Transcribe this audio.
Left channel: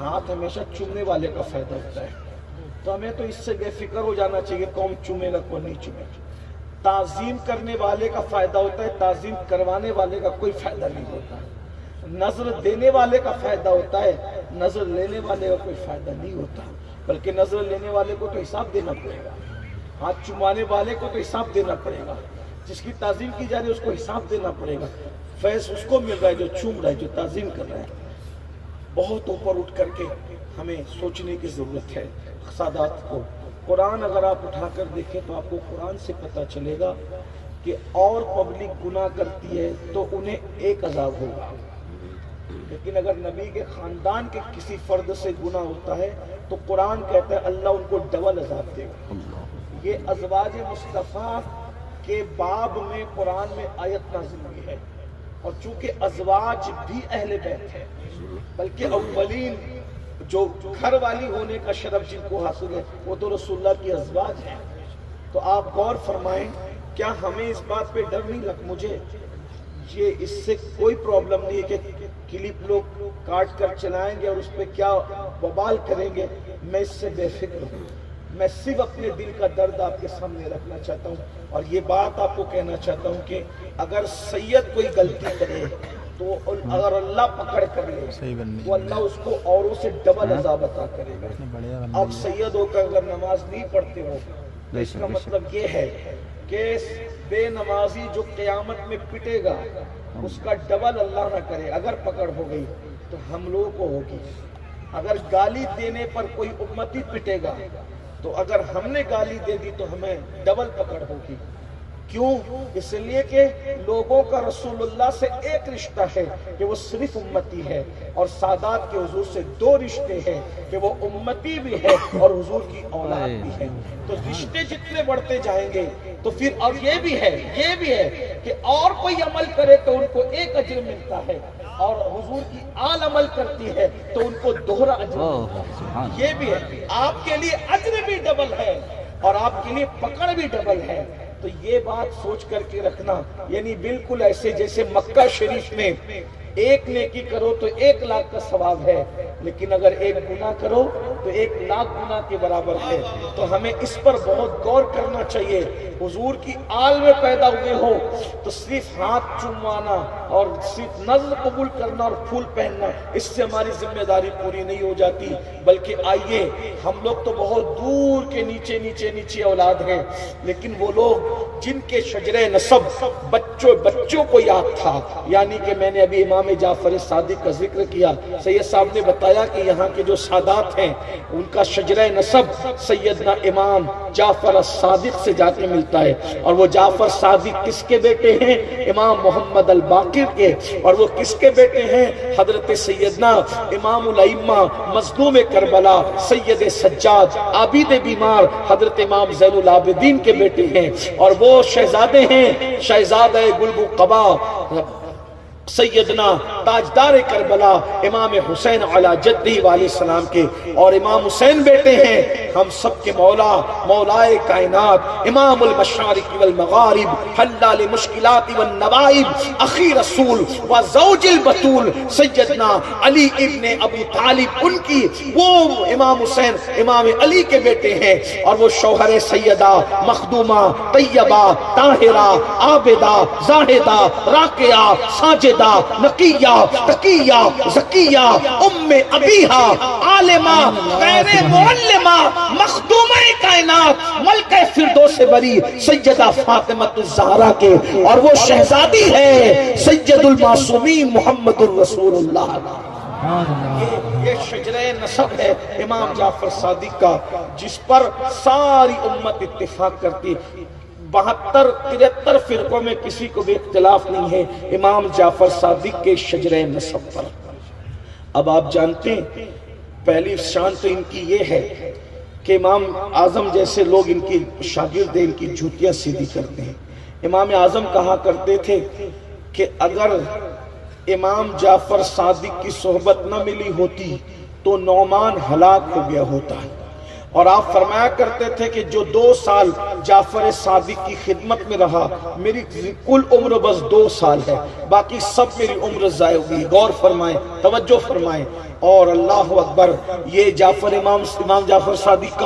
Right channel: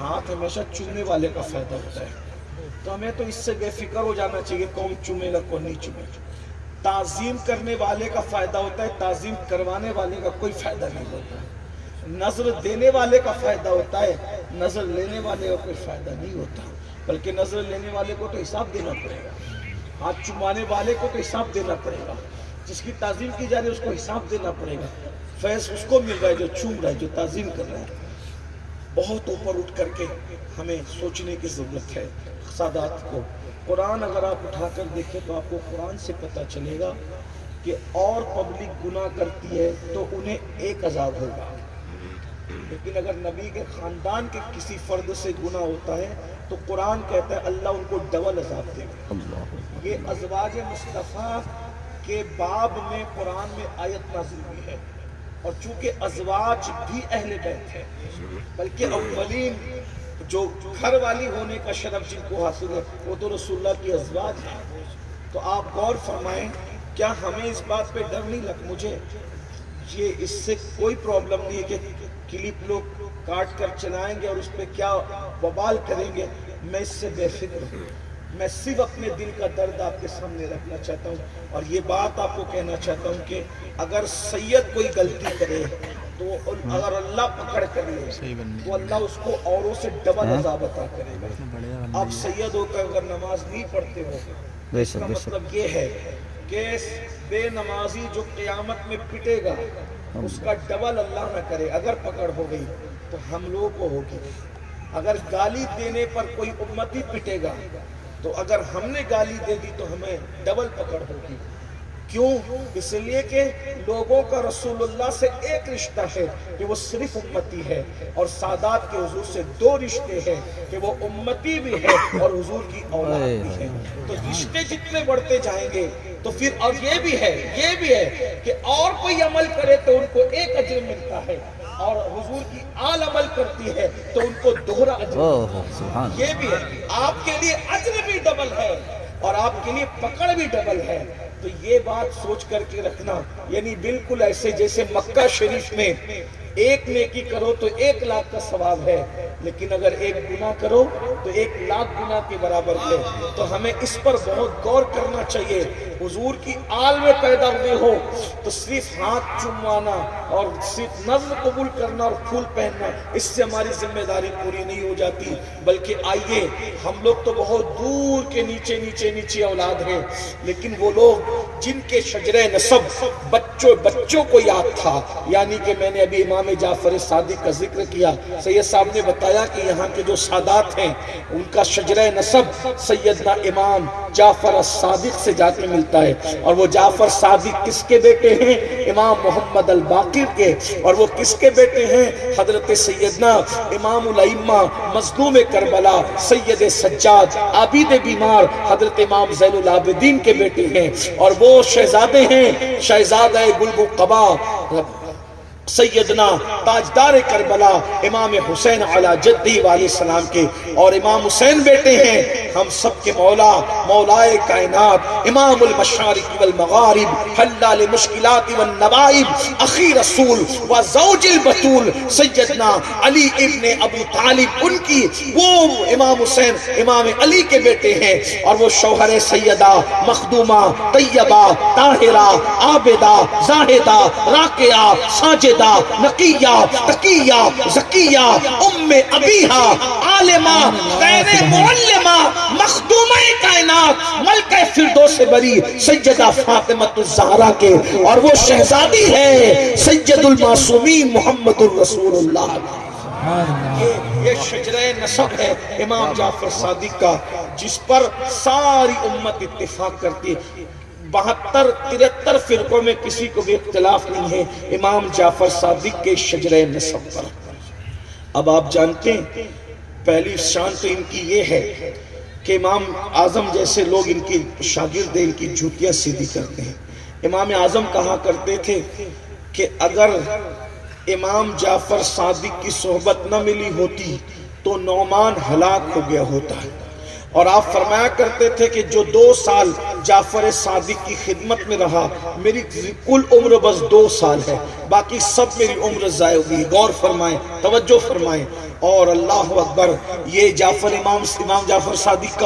ہاتھ ہمیشہ چومنے والے کا فائدہ ہوتا ہے، تو ہمیں تو اس سے بے فکر ہو جانا چاہیے کون چومے گا کون نہیں چومے گا۔ تعظیم کرنے والے کا فائدہ ہوتا ہے، تعظیم کروانے والے کا کوئی فائدہ نہیں ہوتا ہے۔ نظر دینے والے کا فائدہ ہوتا ہے، نظر لینے والے کا کوئی فائدہ نہیں ہوتا، بلکہ نظر لینے والے کو تو حساب دینا پڑے گا، ہاتھ چمانے والے کو تو حساب دینا پڑے گا، جس کی تعظیم کی جا رہی ہے اس کو حساب دینا پڑے گا۔ فیض اس کو مل رہا ہے جو چوم رہا ہے، جو تعظیم کر رہا ہے۔ بہت اوپر اٹھ کر کے ہمیں سوچنے کی ضرورت ہے سادات کو۔ قرآن اگر آپ اٹھا کر دیکھیں تو آپ کو قرآن سے پتہ چلے گا کہ اور پبلک گناہ کرتی ہے تو انہیں ایک عذاب ہوگا، لیکن اگر نبی کے خاندان کے کسی فرد سے گناہ ہوتا ہے تو قرآن کہتا ہے اللہ ان کو ڈبل عذاب دے گا۔ یہ ازواج مصطفیٰ کے باب میں قرآن میں آیت نازل ہوئی ہے، اور چونکہ ازواج بھی اہل بیت ہے، بلکہ اولین جو گھر والی ہونے کا شرف جن کو حاصل ہے وہ تو رسول اللہ کی ازواج ہیں۔ تو آپ غور فرمائیں، کیا ہمیں اس بات پہ ڈر نہیں لگ؟ مجھے یہ اس سے کوئی پرابلم نہیں ہے کہ کلپ لوگ کاٹ کر چلائیں گے اور اس پہ کیا وبال کریں گے، میں اس سے بے فکر ہوں۔ میں صرف اپنے دل کا درد آپ کے سامنے رکھنا چاہتا ہوں، اور یہ بات آپ کو کہنا چاہتا ہوں کہ اگر سید کوئی غلطی کرے تو اگر اللہ پکڑ کر لے تو اللہ اس کو اوروں سے ڈبل عذاب عطا کرے گا۔ اب سید ہو کر اگر نماز نہیں پڑھتے ہو، اس کا مطلب یہ ہے کہ بے نمازی جو قیامت میں پٹے گا اس کا ڈبل اللہ نہ کرے اگر پکڑ ہو گئی تو ہم لوگوں کو ہوگی۔ اگر گالی دینے پر کوئی امتی پٹے گا تو اگر ہم نے گالی دے دی تو ہمیں ڈبل پکڑ ہوگی۔ کیوں؟ اس لیے کہ لوگوں کا رسول اللہ سے ایک رشتہ ہے کہ وہ صرف امتی ہے، اور سادات کے حضور سے دو رشتے ہیں کہ وہ امتی بھی ہے اور حضور کی اولاد بھی ہے۔ تو رشتے جتنے بڑھتے جائیں گے تو پھر اور یہ بھی ہے کہ اور کوئی عمل کرے تو ان کو ایک اجر ملتا ہے، اور حضور کی آل عمل کرتی ہے تو ان کو دوہرا اجر ملتا ہے۔ یہ بھی ہے، آپ کے لیے اجر بھی ڈبل ہے اور آپ کے لیے پکڑ بھی ڈبل ہے۔ تو یہ بات سوچ کر کے رکھنا، یعنی بالکل ایسے جیسے مکہ شریف میں ایک نیکی کرو تو 1,00,000 کا ثواب ہے، لیکن اگر ایک گناہ کرو تو 1,00,000 گناہ کے برابر ہے۔ تو ہمیں اس پر بہت غور کرنا چاہیے۔ حضور کی آل میں پیدا ہوئے ہو تو صرف ہاتھ چموانا اور صرف نظر قبول کرنا اور پھول پہننا اس سے ہماری ذمہ داری پوری نہیں ہو جاتی، بلکہ آئیے ہم لوگ تو بہت دور کے نیچے اولاد ہیں، لیکن وہ لوگ جن کے شجرہ نسب بچوں کو یاد تھا، یعنی کہ میں نے ابھی امام جعفر صادق کا ذکر کیا، سید صاحب نے بتایا کہ یہاں کے جو سادات ہیں ان کا شجرہ نسب سیدنا امام جعفر صادق سے جا کے ملتا ہے، اور وہ جعفر صادق کس کے بیٹے ہیں؟ امام محمد الباقر کے، اور وہ کس کے بیٹے ہیں؟ حضرت سیدنا امام الائمہ مظلوم کربلا سید سجاد عابد بیمار حضرت امام زین العابدین کے بیٹے ہیں، اور وہ شہزادے ہیں شہزادہ گلبقبا سیدنا تاجدار کربلا امام حسین علی جدہ علیہ السلام کے، اور امام حسین بیٹے ہیں ہم سب کے مولا مولائے کائنات امام المشارق والمغارب حلال مشکلات والنوائب اخی رسول و زوج البتول سیدنا علی ابن ابی طالب، ان کی وہ امام حسین امام علی کے بیٹے ہیں، اور وہ شوہر سیدہ مخدومہ طیبہ طاہرہ عابدہ زاہدہ راکعہ ساجدہ نقیہ تقیہ زکیہ ام ابیہا عالمہ غیر معلمہ مخدومہ کائنات ملکہ فردوس بری سیدہ فاطمہ الزہرا کے، اور وہ شہزادی ہے سید المعصومین محمد الرسول اللہ۔ یہ شجرہ نسب ہے امام جعفر صادق کا، جس پر ساری امت اتفاق کرتی، 72-73 فرقوں میں کسی کو بھی اختلاف نہیں ہے امام جعفر صادق کے شجرہ نسب پر۔ اب آپ جانتے ہیں پہلی شان تو ان کی یہ ہے کہ امام اعظم جیسے لوگ ان کی شاگرد ان کی جوتیاں سیدھی کرتے ہیں۔ امام اعظم کہا کرتے تھے کہ اگر امام جعفر صادق کی صحبت نہ ملی ہوتی تو نعمان ہلاک ہو گیا ہوتا، اور آپ فرمایا کرتے تھے کہ جو 2 سال جعفر صادق کی خدمت میں رہا، میری کل عمر بس 2 سال ہے، باقی سب میری عمر ضائع ہوئی۔ غور فرمائیں، توجہ فرمائیں۔ اور اللہ اکبر، یہ امام جعفر صادق کون